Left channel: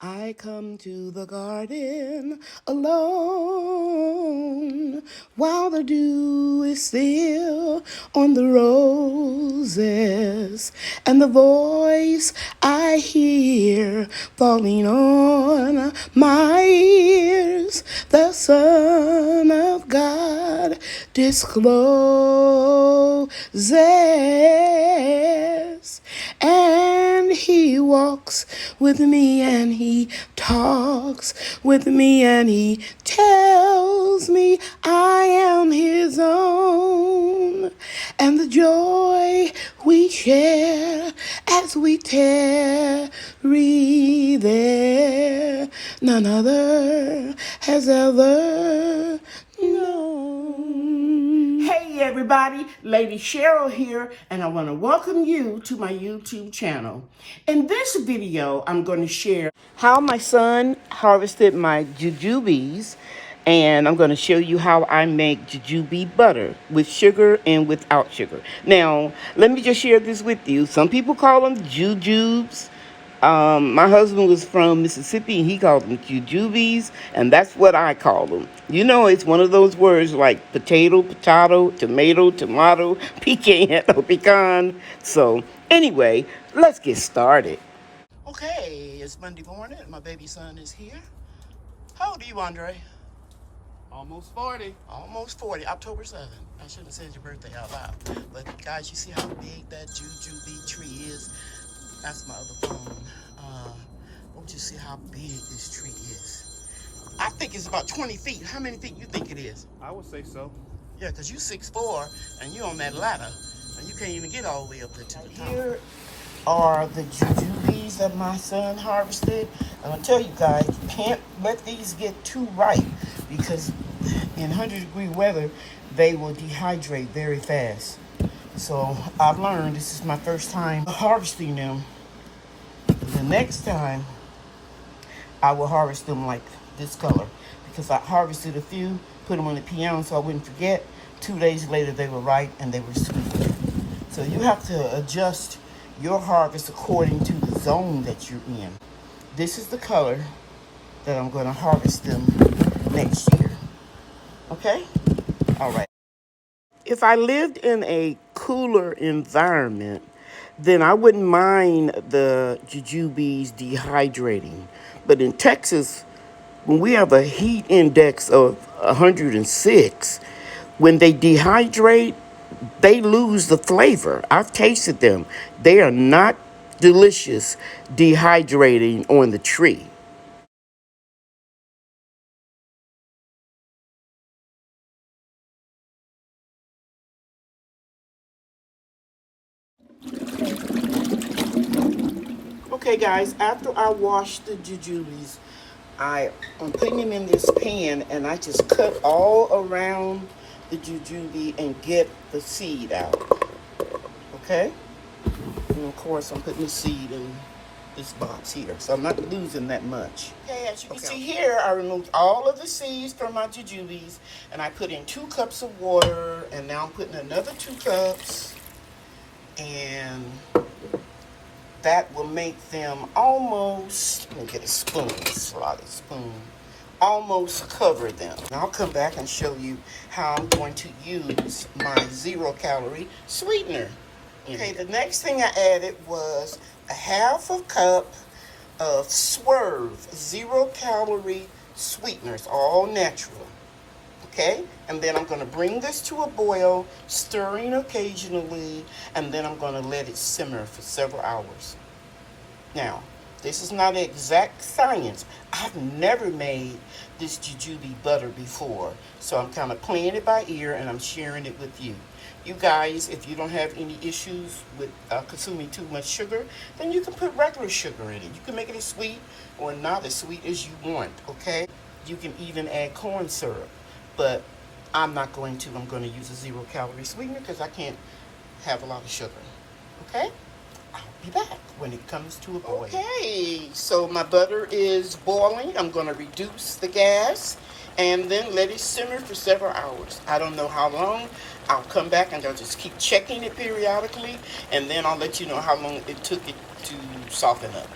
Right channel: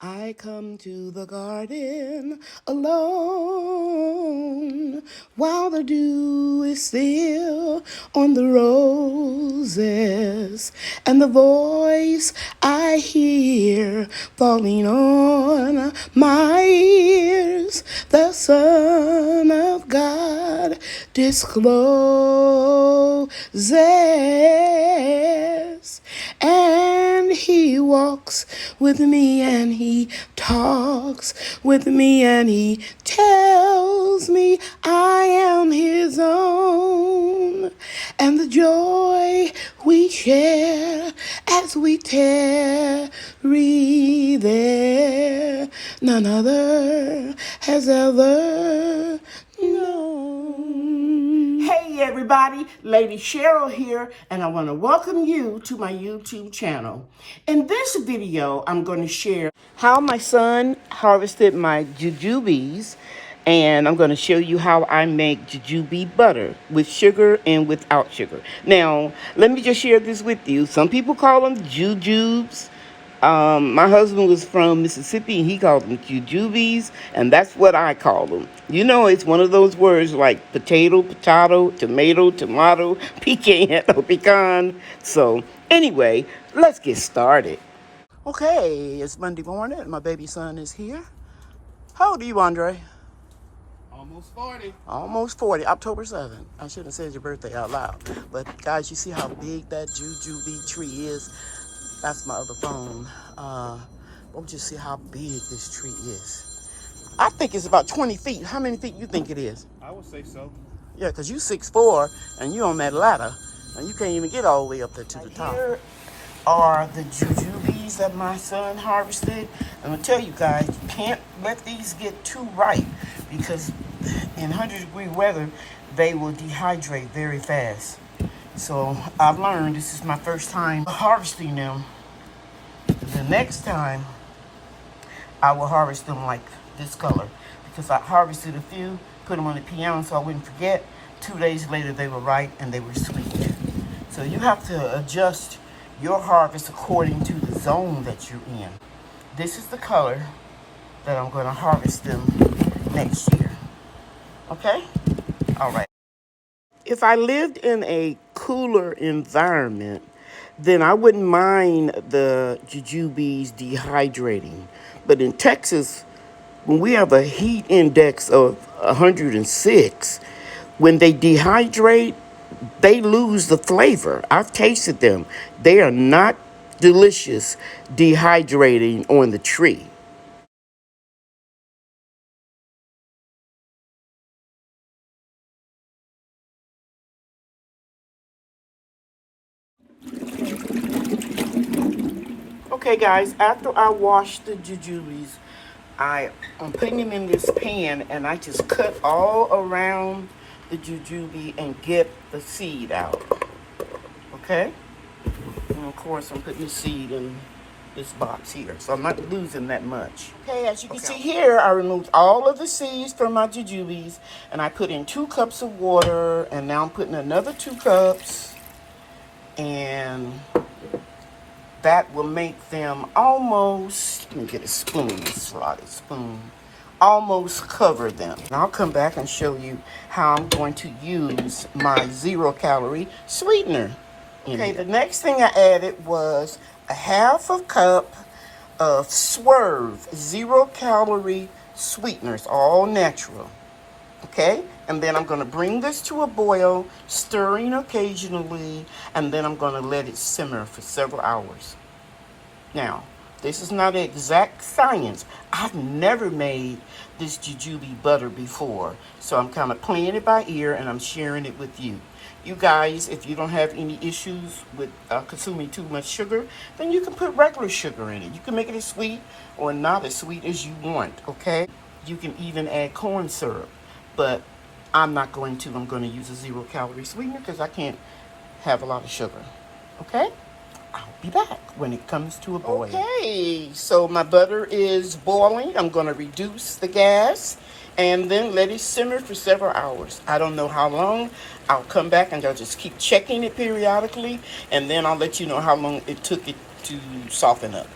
I come to the garden alone while the dew is still on the roses, and the voice I hear falling on my ears, the Son of God discloses. And he walks with me and he talks with me and he tells me I am his own. And the joy we share as we tarry there, none other has ever known. Hey everybody, Lady Cheryl here, and I want to welcome you to my YouTube channel. In this video, I'm going to share how my son harvested my jujubes, and I'm going to show you how I make jujube butter with sugar and without sugar. Now, let me just share this with you. Some people call them jujubes. My husband was from Mississippi, and he called them jujubes, and that's what I call them. You know, it's one of those words like potato, tomato, pecan, or pecan. So, anyway, let's get started. Okay, it's Monday morning, and my baby son is here. How old are you, Andre? Almost 40. Almost 40, October 7th. I shouldn't have said your birthday out loud. But guys, you see how big that jujube tree is? That's my other phone. Don't you see how big this tree is? I think it's about 20 feet. How many feet you think it is? I would say so. Yeah, because you 6'4", and you on that ladder, and you can't even get all the way up there to the top. Here are the jujubes that my son harvested. And I'll tell you guys, you can't let these get too ripe, because in 100-degree weather, they will dehydrate very fast. So I've learned, this is my first time harvesting them. The next time, I will harvest them like this color, because I harvested a few, put them on the piano so I wouldn't forget. 2 days later, they were ripe and they were sweet. So you have to adjust your harvest according to the zone that you're in. This is the color that I'm going to harvest them next year. Okay? All right. If I lived in a cooler environment, then I wouldn't mind the jujubes dehydrating. But in Texas, when we have a heat index of 106, when they dehydrate, they lose the flavor. I've tasted them. They are not delicious dehydrating on the tree. Okay guys, after I wash the jujubes, I'm putting them in this pan, and I just cut all around the jujube and get the seed out. Okay? And of course, I'm putting the seed in this box here, so I'm not losing that much. Okay, as you can see here, I removed all of the seeds from my jujubes, and I put in 2 cups of water, and now I'm putting another 2 cups, and that will make them almost, let me get a spoon, a slotted spoon, almost cover them. And I'll come back and show you how I'm going to use my 0-calorie sweetener. Okay, the next thing I added was a 1/2 cup of Swerve 0-calorie sweeteners, all natural. Okay, and then I'm going to bring this to a boil, stirring occasionally, and then I'm going to let it simmer for several hours. Now, this is not an exact science. I've never made this jujube butter before, so I'm kind of playing it by ear, and I'm sharing it with you. You guys, if you don't have any issues with consuming too much sugar, then you can put regular sugar in it. You can make it as sweet or not as sweet as you want, okay? You can even add corn syrup, but I'm not going to. I'm going to use a 0-calorie sweetener because I can't have a lot of sugar, okay? I'll be back when it comes to a boil. Okay, so my butter is boiling. I'm going to reduce the gas and then let it simmer for several hours. I don't know how long. I'll come back and I'll just keep checking it periodically, and then I'll let you know how long it took it to soften up.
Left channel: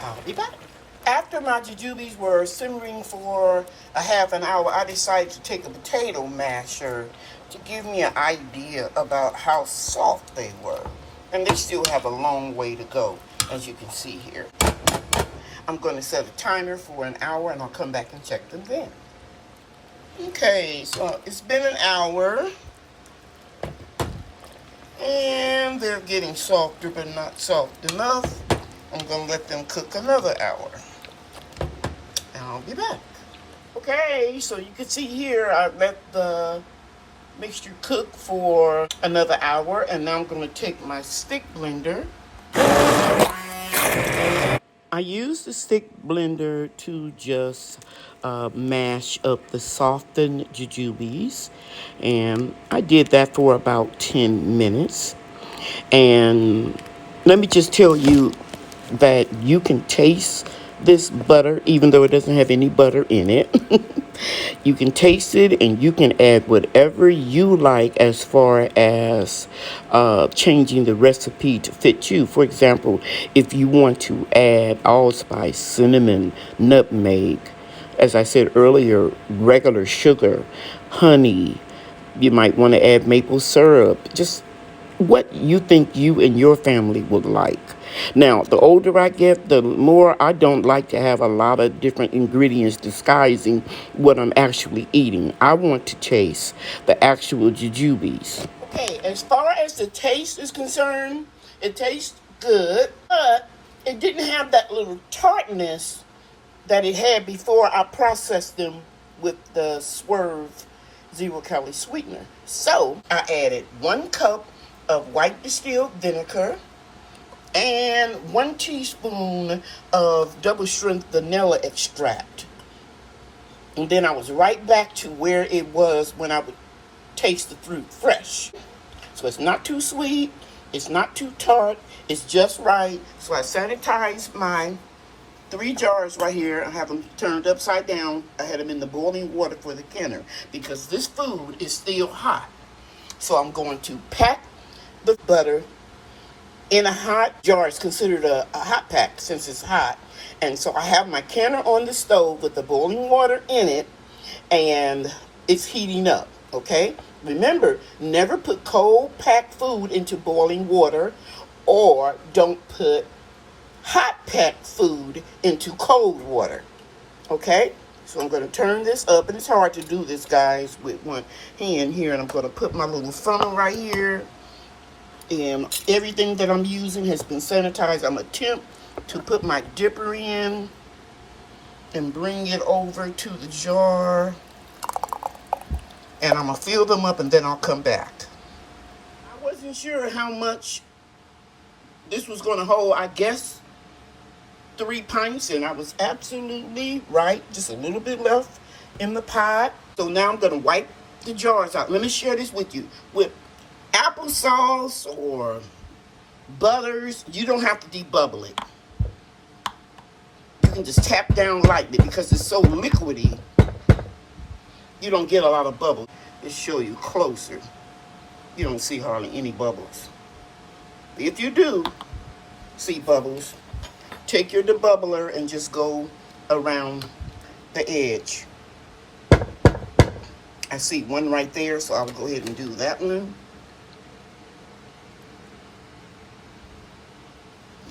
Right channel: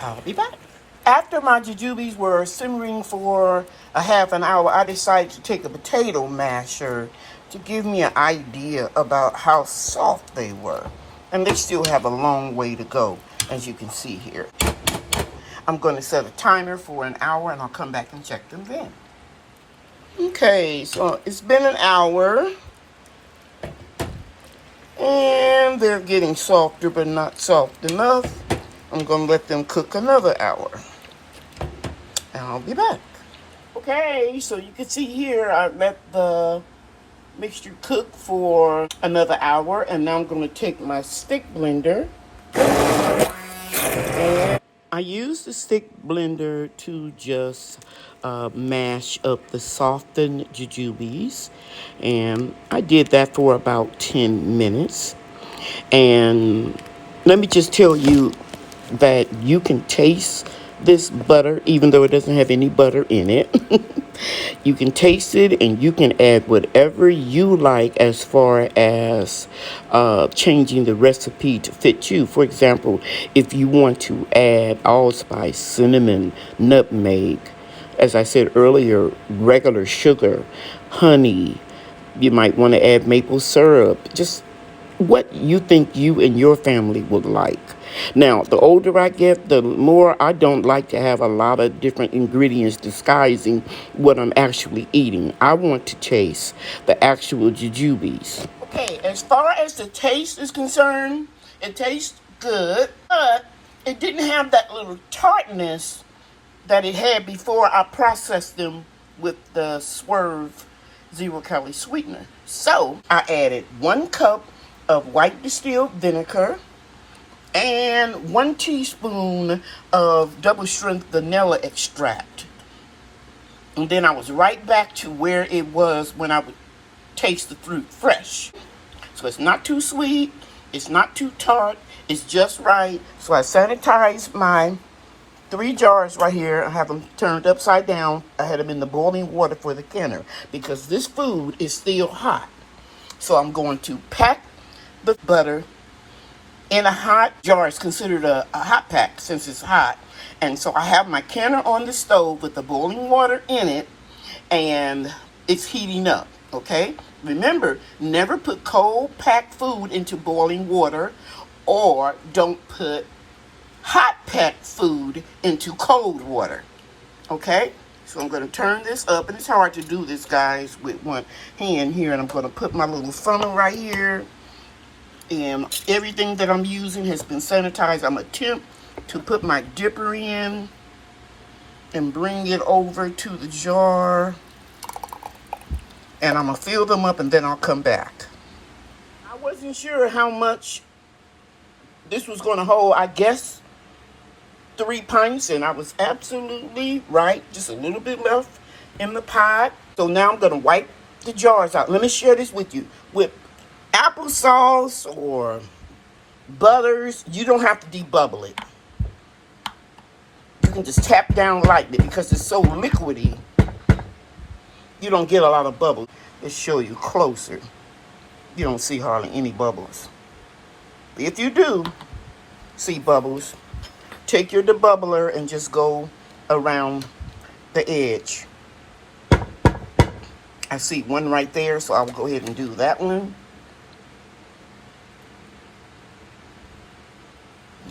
I'll be back. After my jujubes were simmering for a half an hour, I decided to take a potato masher to give me an idea about how soft they were. And they still have a long way to go, as you can see here. I'm going to set a timer for an hour and I'll come back and check them then. Okay, so it's been an hour. And they're getting softer, but not soft enough. I'm going to let them cook another hour. And I'll be back. Okay, so you can see here, I let the mixture cook for another hour. And now I'm going to take my stick blender. I use the stick blender to just mash up the softened jujubes. And I did that for about 10 minutes. And let me just tell you that you can taste this butter, even though it doesn't have any butter in it. You can taste it and you can add whatever you like as far as changing the recipe to fit you. For example, if you want to add allspice, cinnamon, nutmeg, as I said earlier, regular sugar, honey, you might want to add maple syrup, just what you think you and your family would like. Now, the older I get, the more I don't like to have a lot of different ingredients disguising what I'm actually eating. I want to taste the actual jujubes. Okay, as far as the taste is concerned, it tastes good, but it didn't have that little tartness that it had before I processed them with the Swerve zero-calorie sweetener. So, I added 1 cup of white distilled vinegar and 1 teaspoon of double strength vanilla extract. And then I was right back to where it was when I would taste the fruit fresh. So it's not too sweet, it's not too tart, it's just right. So I sanitized my 3 jars right here. I have them turned upside down. I had them in the boiling water for the canner because this food is still hot. So I'm going to pack the butter in a hot jar. It's considered a hot pack since it's hot. And so I have my canner on the stove with the boiling water in it, and it's heating up, okay? Remember, never put cold packed food into boiling water, or don't put hot packed food into cold water, okay? So I'm going to turn this up, and it's hard to do this, guys, with one hand here, and I'm going to put my little funnel right here. And everything that I'm using has been sanitized. I'm attempt to put my dipper in and bring it over to the jar. And I'm going to fill them up and then I'll come back. I wasn't sure how much this was going to hold. I guess 3 pints, and I was absolutely right. Just a little bit left in the pot. So now I'm going to wipe the jars out. Let me share this with you. With applesauce or butters, you don't have to debubble it. You can just tap down lightly because it's so liquidy. You don't get a lot of bubbles. Let's show you closer. You don't see hardly any bubbles. But if you do see bubbles, take your debubbler and just go around the edge. I see one right there, so I'll go ahead and do that one.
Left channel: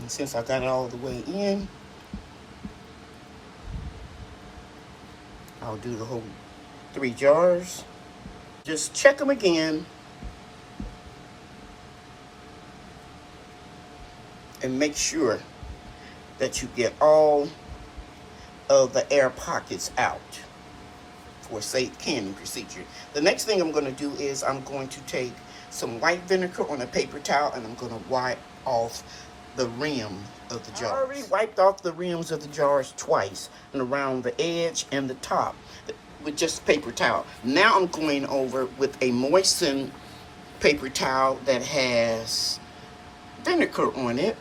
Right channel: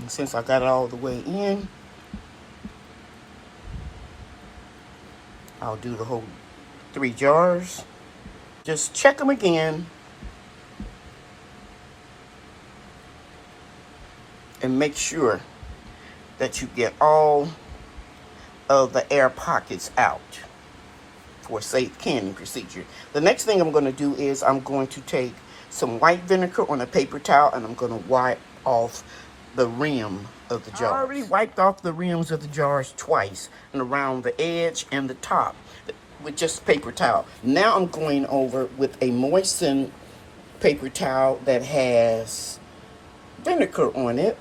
And since I got it all the way in, I'll do the whole 3 jars. Just check them again. And make sure that you get all of the air pockets out for a safe canning procedure. The next thing I'm going to do is I'm going to take some white vinegar on a paper towel and I'm going to wipe off the rim of the jar. I already wiped off the rims of the jars twice, and around the edge and the top with just paper towel. Now I'm going over with a moistened paper towel that has vinegar on it.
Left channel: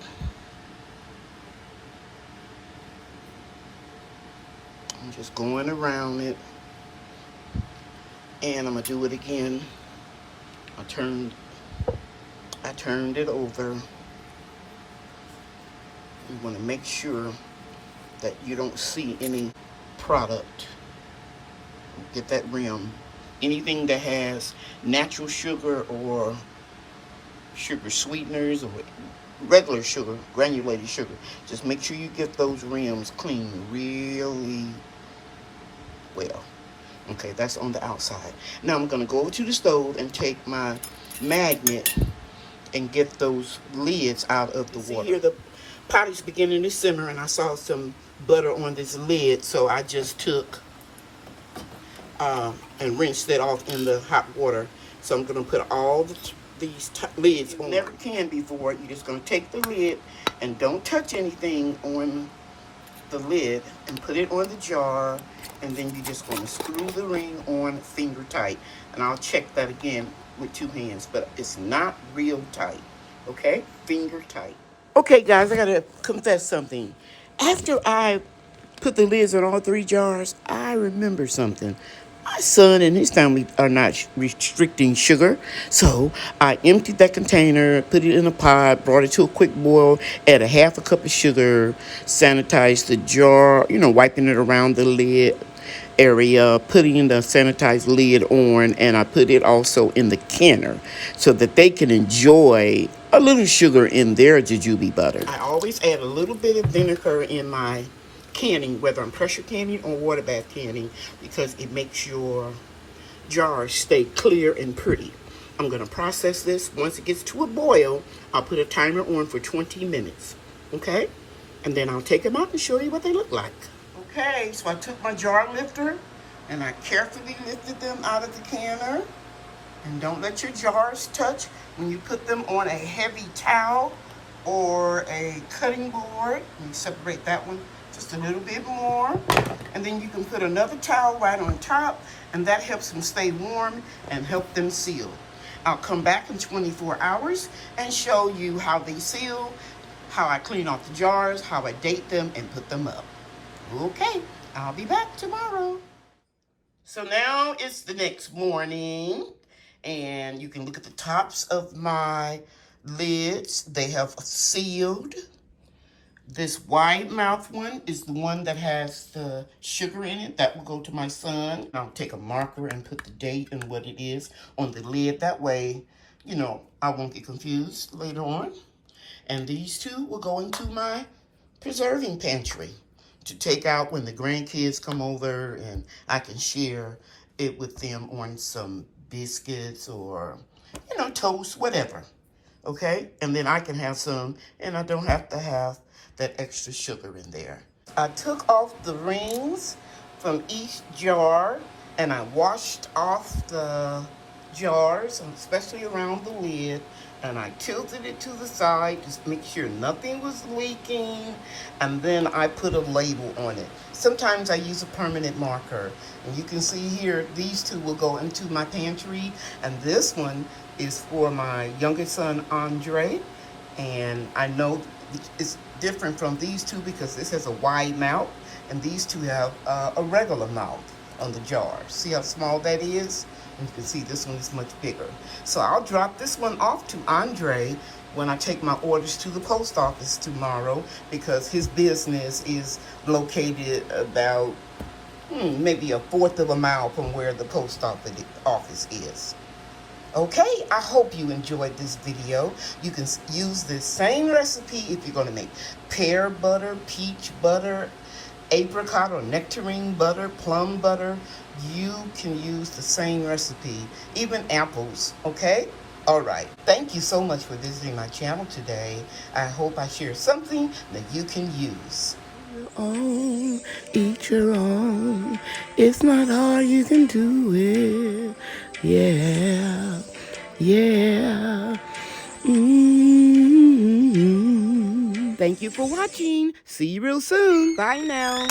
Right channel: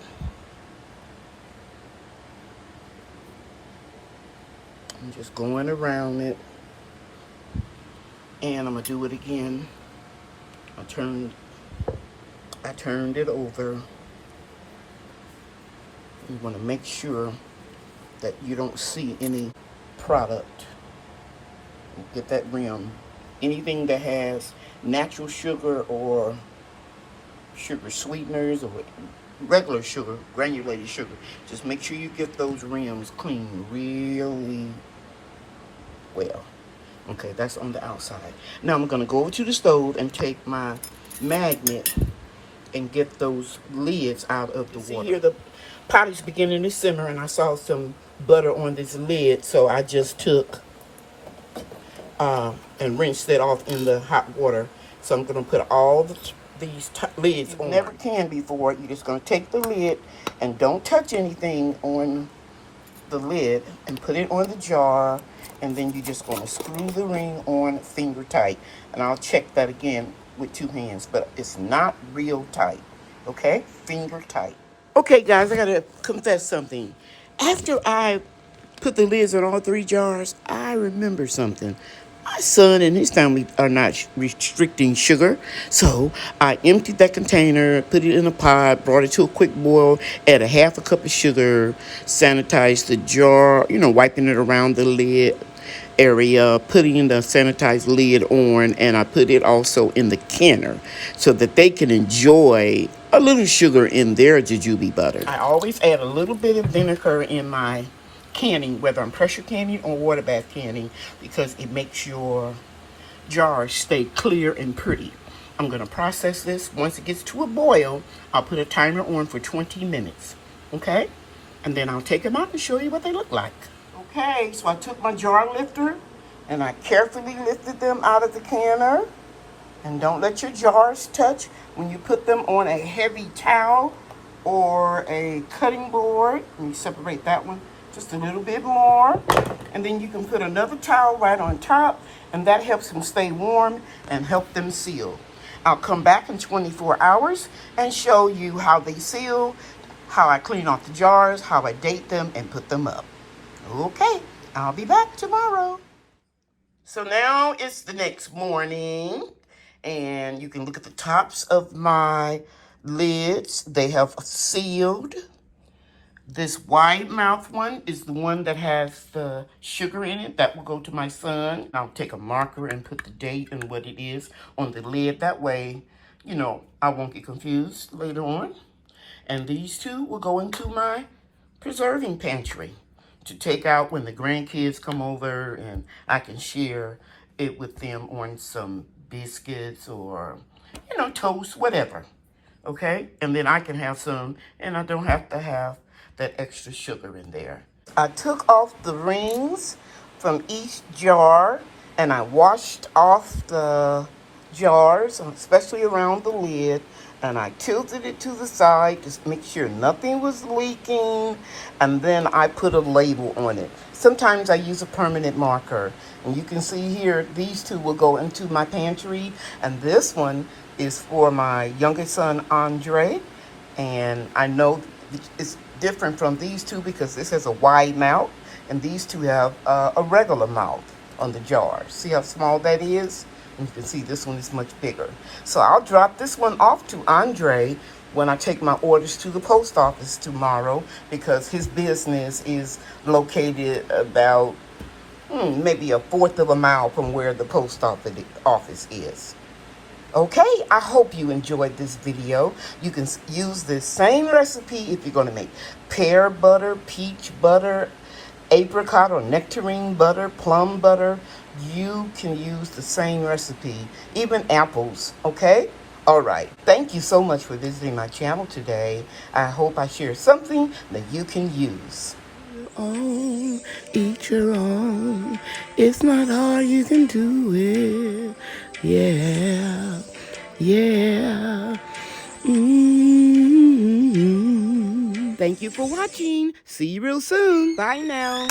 I'm just going around it, and I'm gonna do it again. I turned it over. You want to make sure that you don't see any product. Get that rim. Anything that has natural sugar or sugar sweeteners or regular sugar, granulated sugar, just make sure you get those rims clean really well. Okay, that's on the outside. Now I'm going to go over to the stove and take my magnet and get those lids out of the water. See here, the pot is beginning to simmer, and I saw some butter on this lid, so I just took and rinsed it off in the hot water. So I'm going to put all these lids on. Never can before. You're just going to take the lid and don't touch anything on the lid and put it on the jar, and then you're just going to screw the ring on finger tight. And I'll check that again with 2 hands, but it's not real tight. Okay, finger tight. Okay guys, I gotta confess something. After I put the lids on all 3 jars, I remember something. My son and his family are not restricting sugar, so I emptied that container, put it in a pot, brought it to a quick boil, add a half a cup of sugar, sanitized the jar, wiping it around the lid area, putting the sanitized lid on, and I put it also in the canner so that they can enjoy a little sugar in their jujube butter. I always add a little bit of vinegar in my canning, whether I'm pressure canning or water bath canning, because it makes your jars stay clear and pretty. I'm going to process this. Once it gets to a boil, I'll put a timer on for 20 minutes. Okay? And then I'll take them out and show you what they look like. Okay, so I took my jar lifter and I carefully lifted them out of the canner. And don't let your jars touch when you put them on a heavy towel or a cutting board. Let me separate that one just a little bit more. And then you can put another towel right on top, and that helps them stay warm and help them seal. I'll come back in 24 hours and show you how they seal, how I clean off the jars, how I date them and put them up. Okay, I'll be back tomorrow. So now it's the next morning, and you can look at the tops of my lids. They have sealed. This wide mouth one is the one that has the sugar in it. That will go to my son. I'll take a marker and put the date and what it is on the lid. That way, I won't get confused later on. And these 2 will go into my preserving pantry to take out when the grandkids come over, and I can share it with them on some biscuits or, toast, whatever. Okay? And then I can have some, and I don't have to have that extra sugar in there. I took off the rings from each jar, and I washed off the jars, especially around the lid, and I tilted it to the side just to make sure nothing was leaking, and then I put a label on it. Sometimes I use a permanent marker, and you can see here, these 2 will go into my pantry, and this one is for my youngest son, Andre, and I know it's different from these 2 because this has a wide mouth, and these 2 have a regular mouth on the jar. See how small that is? And you can see this one is much bigger. So I'll drop this one off to Andre when I take my orders to the post office tomorrow, because his business is located about maybe 1/4 of a mile from where the post office is. Okay, I hope you enjoyed this video. You can use this same recipe if you're going to make pear butter, peach butter, apricot or nectarine butter, plum butter. You can use the same recipe, even apples, okay? All right, thank you so much for visiting my channel today. I hope I share something that you can use. Eat your own. It's not hard, you can do it. Yeah, yeah. Thank you for watching. See you real soon. Bye now.